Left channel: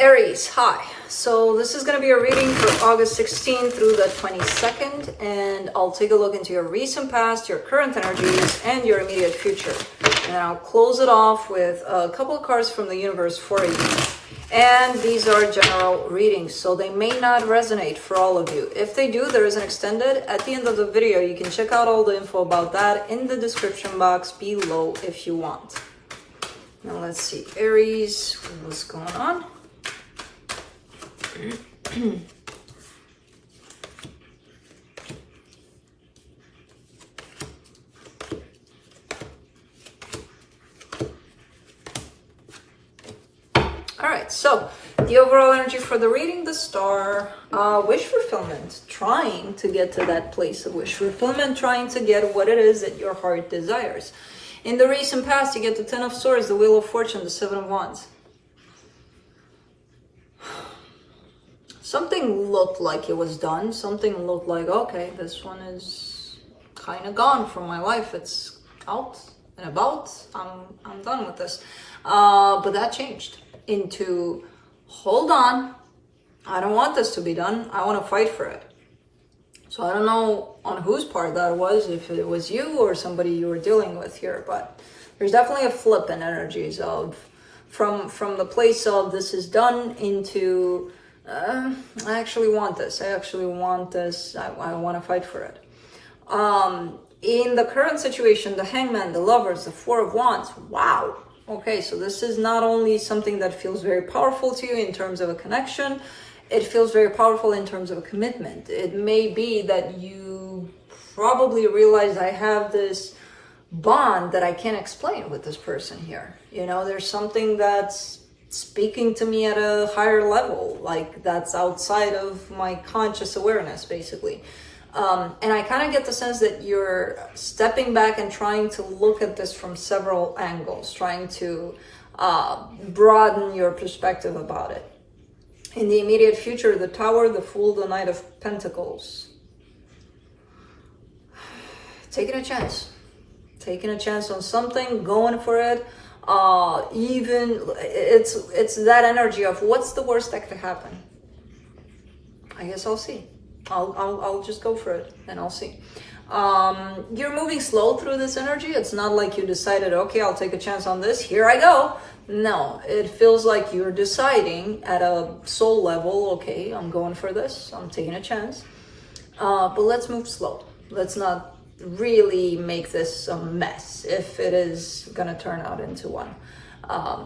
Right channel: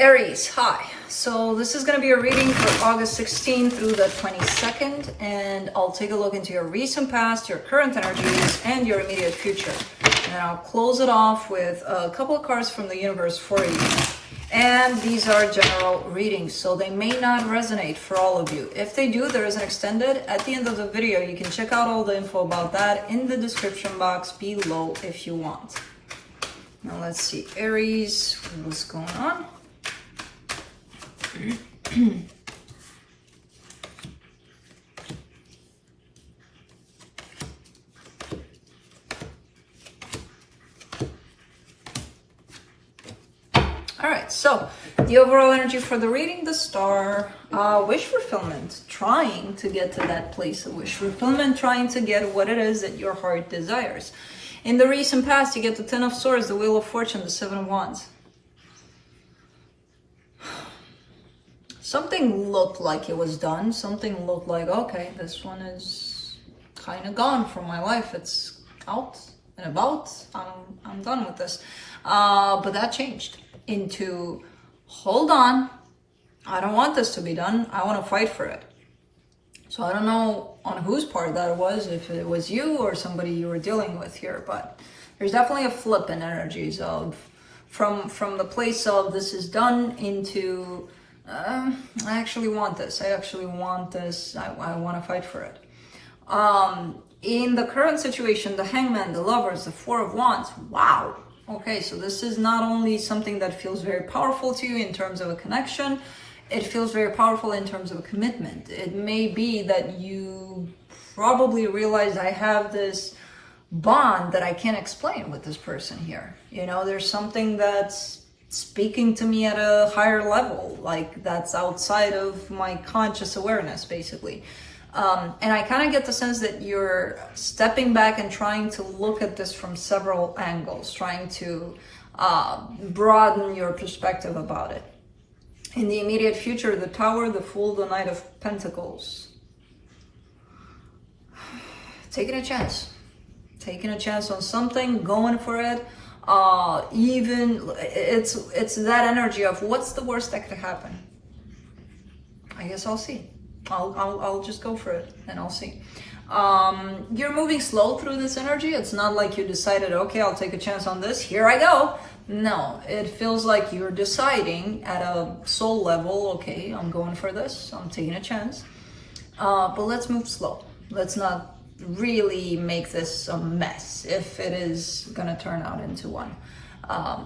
Aries, hi. So this is going to be a reading for August 16th through the 22nd, and I'll take a look into your recent past, your current energies, and your immediate future. And I'll close it off with a couple of cards from the universe for you. And these are general readings, so they may not resonate for all of you. If they do, there is an extended. At the end of the video, you can check out all the info about that in the description box below if you want. Now let's see, Aries, what's going on? Alright, so the overall energy for the reading, the star, wish fulfillment, trying to get to that place of wish fulfillment, trying to get what it is that your heart desires. In the recent past, you get the Ten of Swords, the Wheel of Fortune, the Seven of Wands. Something looked like it was done. Something looked like, okay, this one is kind of gone from my life. It's out and about. I'm done with this. But that changed into, hold on, I don't want this to be done. I want to fight for it. So I don't know on whose part that was, if it was you or somebody you were dealing with here, but there's definitely a flip in energies of from the place of this is done into I actually want this. I actually want this. I want to fight for it. In the current situation, the Hangman, the Lovers, the Four of Wands. Wow. Okay, so this is not only something that feels very powerful to you in terms of a connection, it feels very powerful in terms of a commitment. It may be that you probably realize I have this bond that I can't explain with this person here. You know, there's something that's speaking to me at a higher level, like that's outside of my conscious awareness, basically. And I kind of get the sense that you're stepping back and trying to look at this from several angles, trying to broaden your perspective about it. In the immediate future, the Tower, the Fool, the Knight of Pentacles. Taking a chance. Taking a chance on something, going for it. Even it's that energy of what's the worst that could happen. I guess I'll see. I'll just go for it and I'll see. You're moving slow through this energy. It's not like you decided, okay, I'll take a chance on this. Here I go. No, it feels like you're deciding at a soul level, okay, I'm going for this. I'm taking a chance. But let's move slow. Let's not really make this a mess if it is gonna turn out into one.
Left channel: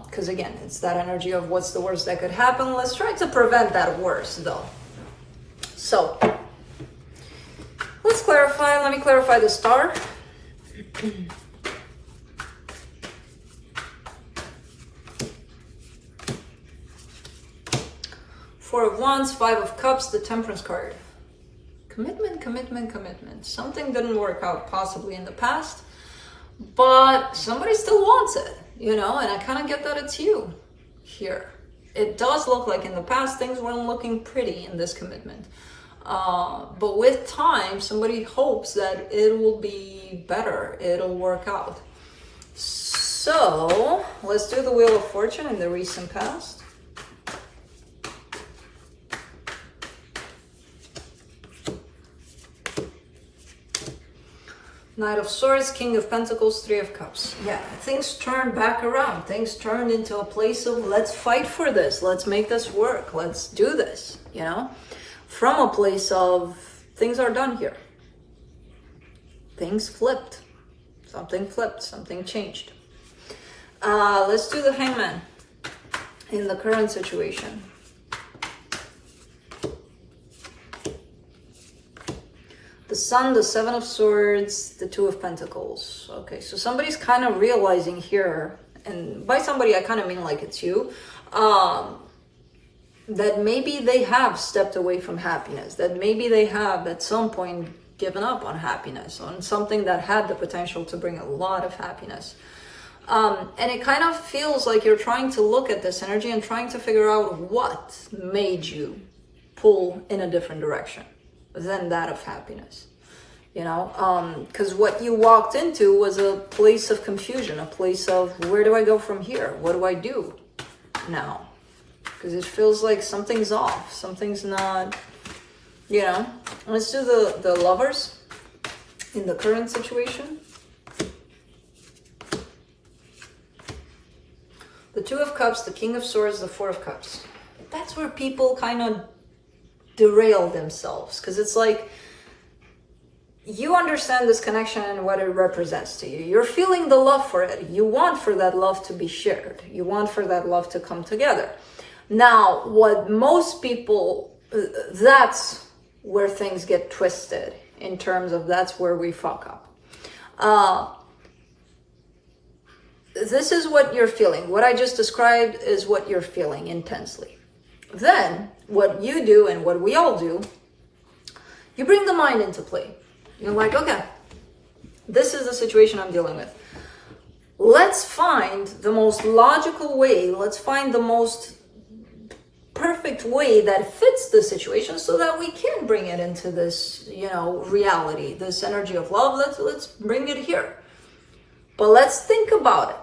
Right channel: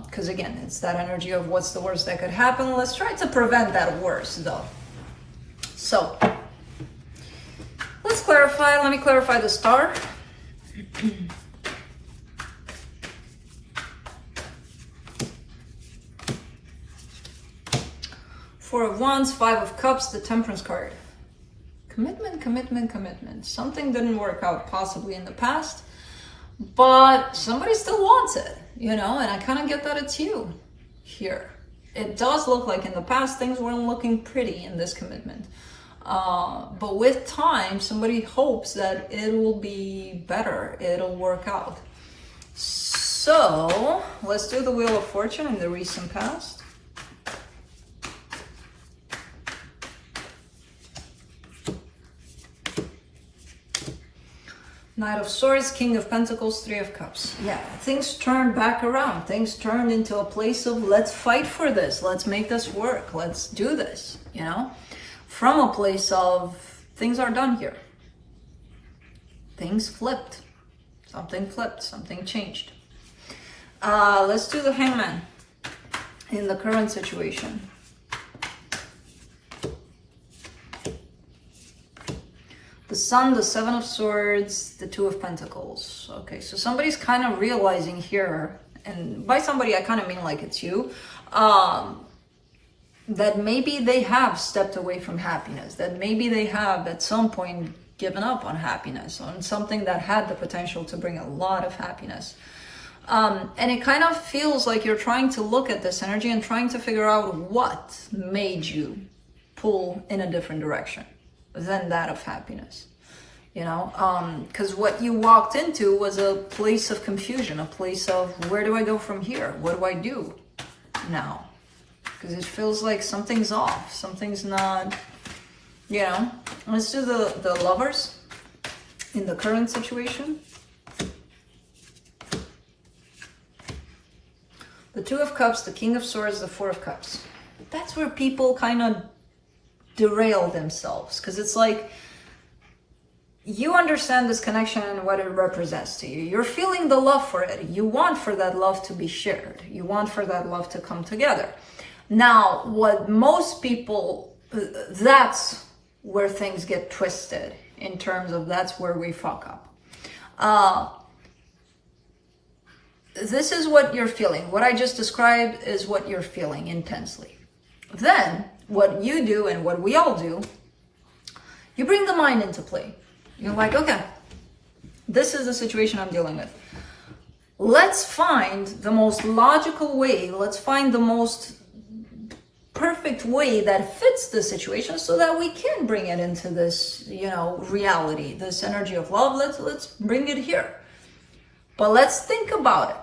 Because again, it's that energy of what's the worst that could happen. Let's try to prevent that worst though. So let's clarify. Let me clarify the star. Four of Wands, Five of Cups, the Temperance card. Commitment, commitment, commitment. Something didn't work out possibly in the past, but somebody still wants it, you know, and I kind of get that it's you here. It does look like in the past things weren't looking pretty in this commitment. But with time, somebody hopes that it will be better. It'll work out. So let's do the Wheel of Fortune in the recent past. Knight of Swords, King of Pentacles, Three of Cups. Yeah, things turned back around. Things turned into a place of let's fight for this. Let's make this work. Let's do this, you know? From a place of things are done here. Things flipped. Something flipped. Something changed. Let's do the Hangman in the current situation. The Sun, the Seven of Swords, the Two of Pentacles. Okay, so somebody's kind of realizing here, and by somebody I kind of mean like it's you, that maybe they have stepped away from happiness, that maybe they have at some point given up on happiness, on something that had the potential to bring a lot of happiness. And it kind of feels like you're trying to look at this energy and trying to figure out what made you pull in a different direction than that of happiness, you know, because what you walked into was a place of confusion, a place of where do I go from here? What do I do now? because it feels like something's off. Something's not, you know. Let's do the Lovers in the current situation. The Two of Cups, the King of Swords, the Four of Cups. That's where people kind of derail themselves, because it's like, you understand this connection and what it represents to you. You're feeling the love for it. You want for that love to be shared. You want for that love to come together. Now, what most people, that's where things get twisted, in terms of that's where we fuck up. This is what you're feeling. What I just described is what you're feeling intensely. Then, what you do and what we all do, you bring the mind into play. You're like, okay, this is the situation I'm dealing with. Let's find the most logical way. Let's find the most perfect way that fits the situation so that we can bring it into this, you know, reality, this energy of love. Let's bring it here. But let's think about it.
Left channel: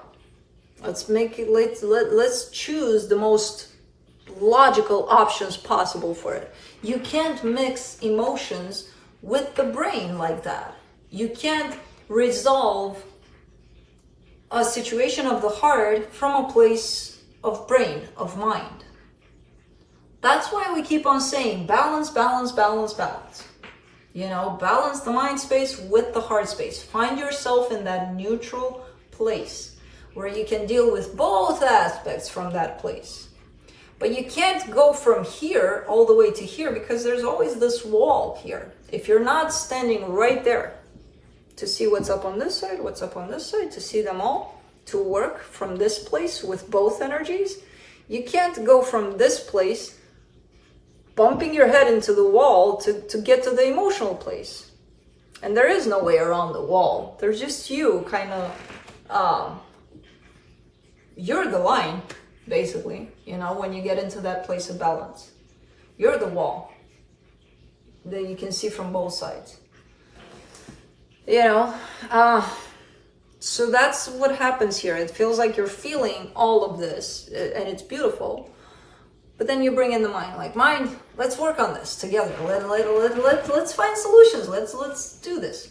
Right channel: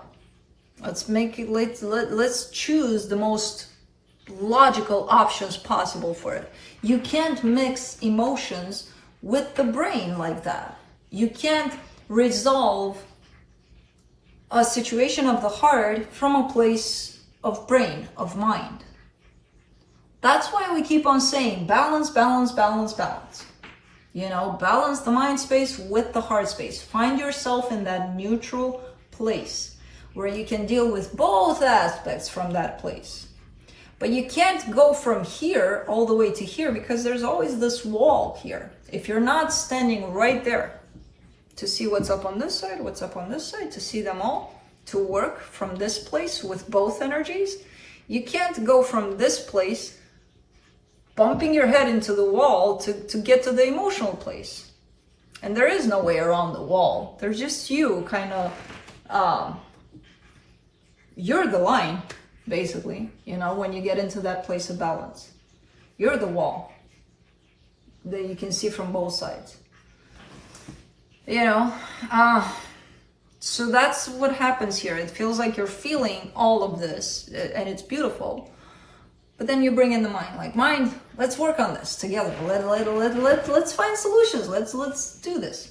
Let's make it, let's choose the most logical options possible for it. You can't mix emotions with the brain like that. You can't resolve a situation of the heart from a place of brain, of mind. That's why we keep on saying balance, balance, balance, balance. You know, balance the mind space with the heart space. Find yourself in that neutral place where you can deal with both aspects from that place. But you can't go from here all the way to here, because there's always this wall here. If you're not standing right there to see what's up on this side, what's up on this side, to see them all, to work from this place with both energies, you can't go from this place bumping your head into the wall to get to the emotional place. And there is no way around the wall. There's just you kind of, you're the line, basically, you know, when you get into that place of balance. You're the wall that you can see from both sides. You know, so that's what happens here. It feels like you're feeling all of this, and it's beautiful. But then you bring in the mind, like, mind, let's work on this together. Let's find solutions. Let's do this.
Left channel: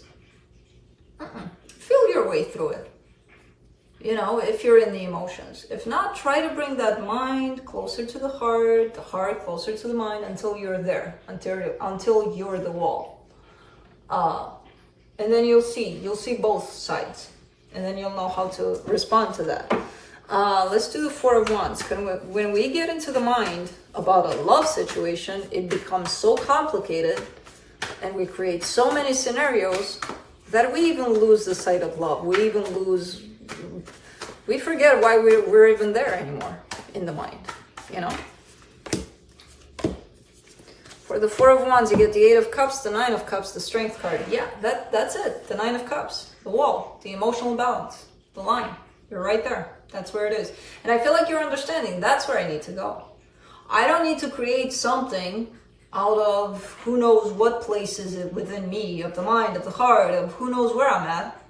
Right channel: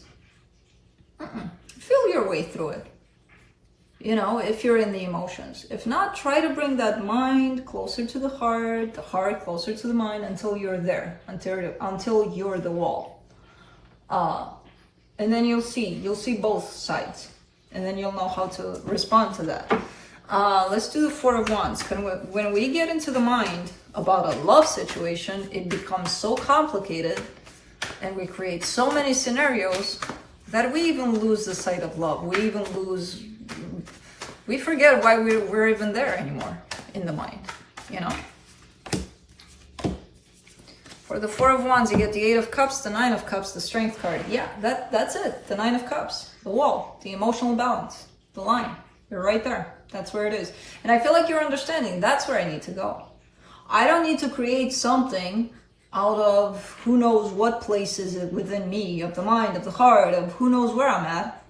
Feel your way through it. You know, if you're in the emotions. If not, try to bring that mind closer to the heart closer to the mind until you're there, until you're the wall. And then you'll see both sides, and then you'll know how to respond to that. Let's do the Four of Wands. When we get into the mind about a love situation, it becomes so complicated, and we create so many scenarios that we even lose the sight of love. We forget why we're even there anymore in the mind, you know? For the Four of Wands, you get the Eight of Cups, the Nine of Cups, the Strength card. Yeah, that's it. The Nine of Cups, the wall, the emotional balance, the line. You're right there. That's where it is. And I feel like you're understanding. That's where I need to go. I don't need to create something out of who knows what places within me, of the mind, of the heart, of who knows where I'm at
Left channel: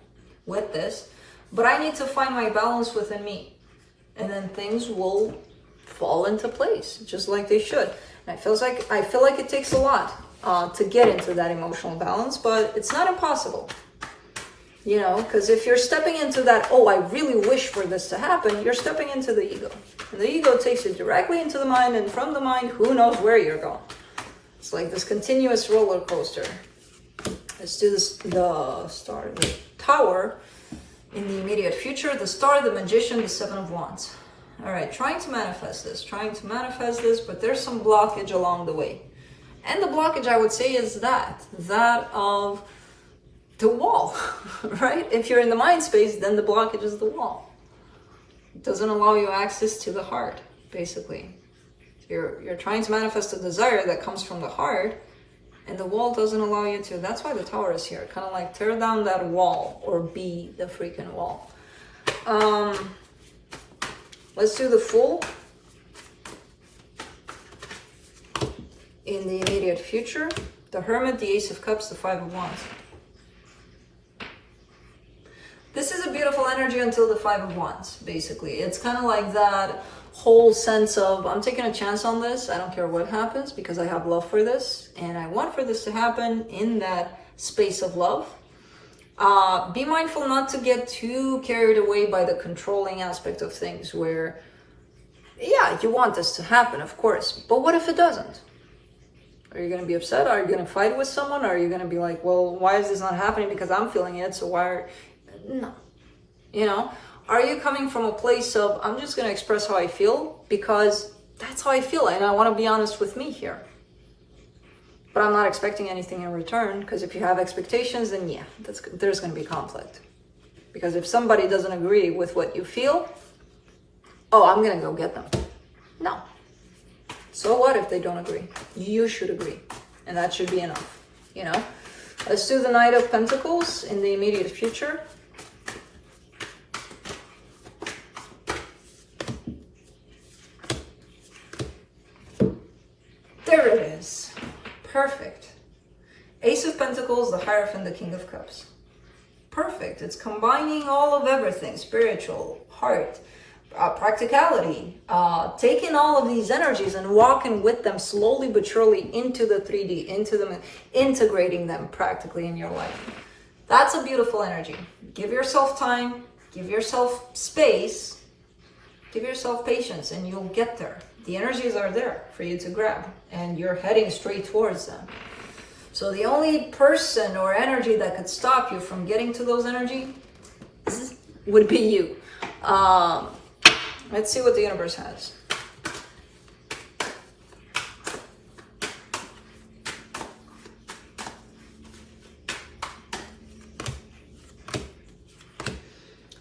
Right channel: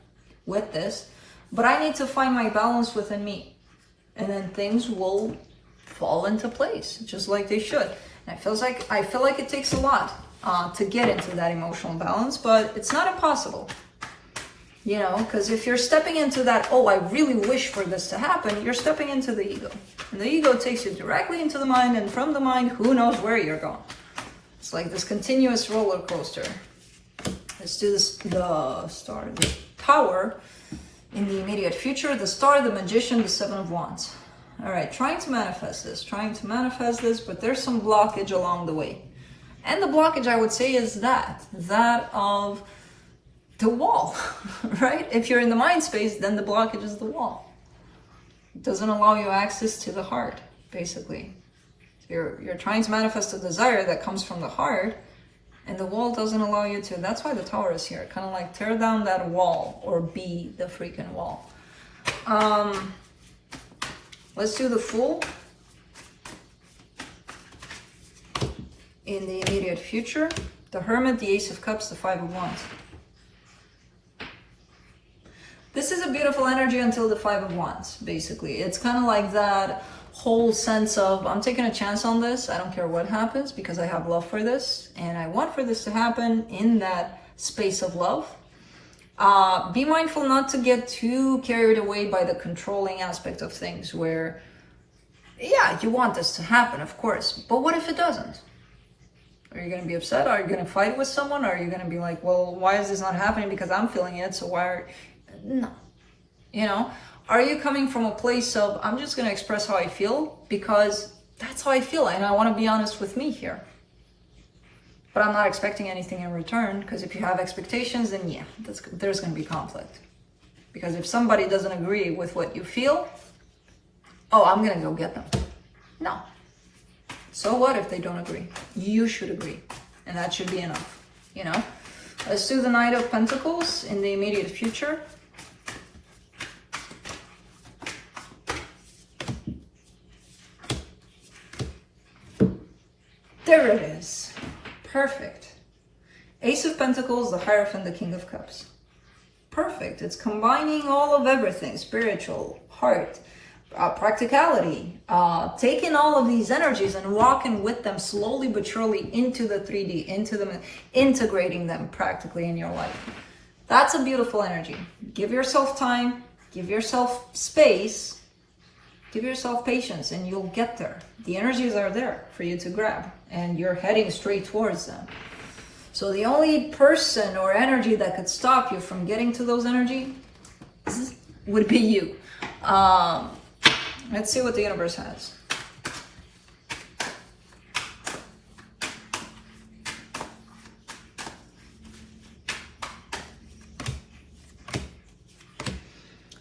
with this. But I need to find my balance within me. And then things will fall into place, just like they should. And I feel like it takes a lot to get into that emotional balance, but it's not impossible. You know, because if you're stepping into that, oh, I really wish for this to happen, you're stepping into the ego. And the ego takes you directly into the mind, and from the mind, who knows where you're going. It's like this continuous roller coaster. Let's do this, the Star, the Tower in the immediate future, the Star, the Magician, the Seven of Wands. All right, trying to manifest this, but there's some blockage along the way. And the blockage, I would say, is that of the wall, right? If you're in the mind space, then the blockage is the wall. It doesn't allow you access to the heart, basically. You're trying to manifest a desire that comes from the heart, and the wall doesn't allow you to. That's why the Tower is here. Kind of like tear down that wall, or be the freaking wall. Let's do the Fool in the immediate future. The Hermit, the Ace of Cups, the Five of Wands. This is a beautiful energy until the Five of Wands, basically. It's kind of like that whole sense of, I'm taking a chance on this. I don't care what happens because I have love for this. And I want for this to happen in that space of love. Be mindful not to get too carried away by the controlling aspect of things where, yeah, you want this to happen, of course. But what if it doesn't? Are you going to be upset? Are you going to fight with someone? Are you going to be like, well, why is this not happening? Because I'm feeling it. So why are... No. You know, are you coming from a place of, I'm just going to express how I feel because that's how I feel and I want to be honest with me here. But I'm not expecting anything in return, because if you have expectations, then yeah, there's going to be conflict. Because if somebody doesn't agree with what you feel, oh, I'm going to go get them. No. So what if they don't agree? You should agree. And that should be enough, you know? Let's do the Knight of Pentacles in the immediate future. There it is. Perfect. Ace of Pentacles, the Hierophant, the King of Cups. Perfect. It's combining all of everything. Spiritual, heart, practicality. Taking all of these energies and walking with them slowly but surely into the 3D, into them, integrating them practically in your life. That's a beautiful energy. Give yourself time. Give yourself space. Give yourself patience and you'll get there. The energies are there for you to grab and you're heading straight towards them. So the only person or energy that could stop you from getting to those energies would be you. Let's see what the universe has.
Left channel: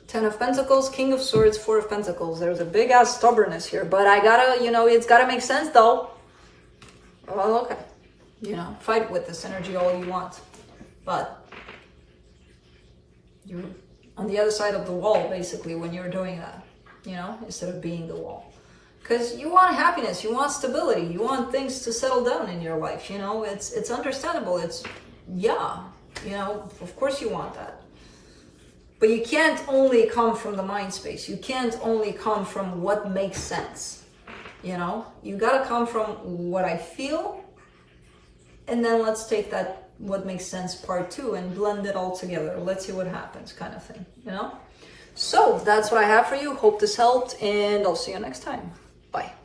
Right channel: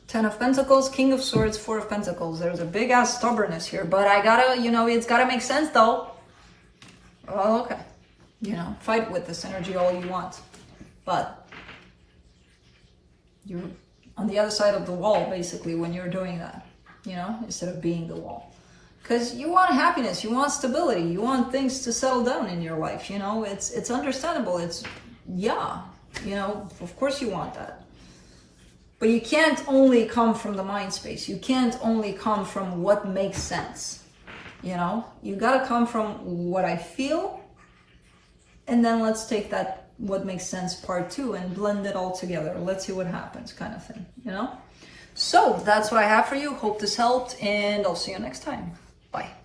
Ten of Pentacles, King of Swords, Four of Pentacles. There's a big ass stubbornness here, but I gotta, you know, it's gotta make sense though. Well, okay. You know, fight with this energy all you want. But you're on the other side of the wall, basically, when you're doing that, you know, instead of being the wall. Because you want happiness, you want stability, you want things to settle down in your life, you know, it's understandable. It's, yeah, you know, of course you want that. But you can't only come from the mind space. You can't only come from what makes sense. You know, you gotta come from what I feel, and then let's take that what makes sense part two and blend it all together. Let's see what happens, kind of thing, you know? So that's what I have for you. Hope this helped, and I'll see you next time. Bye.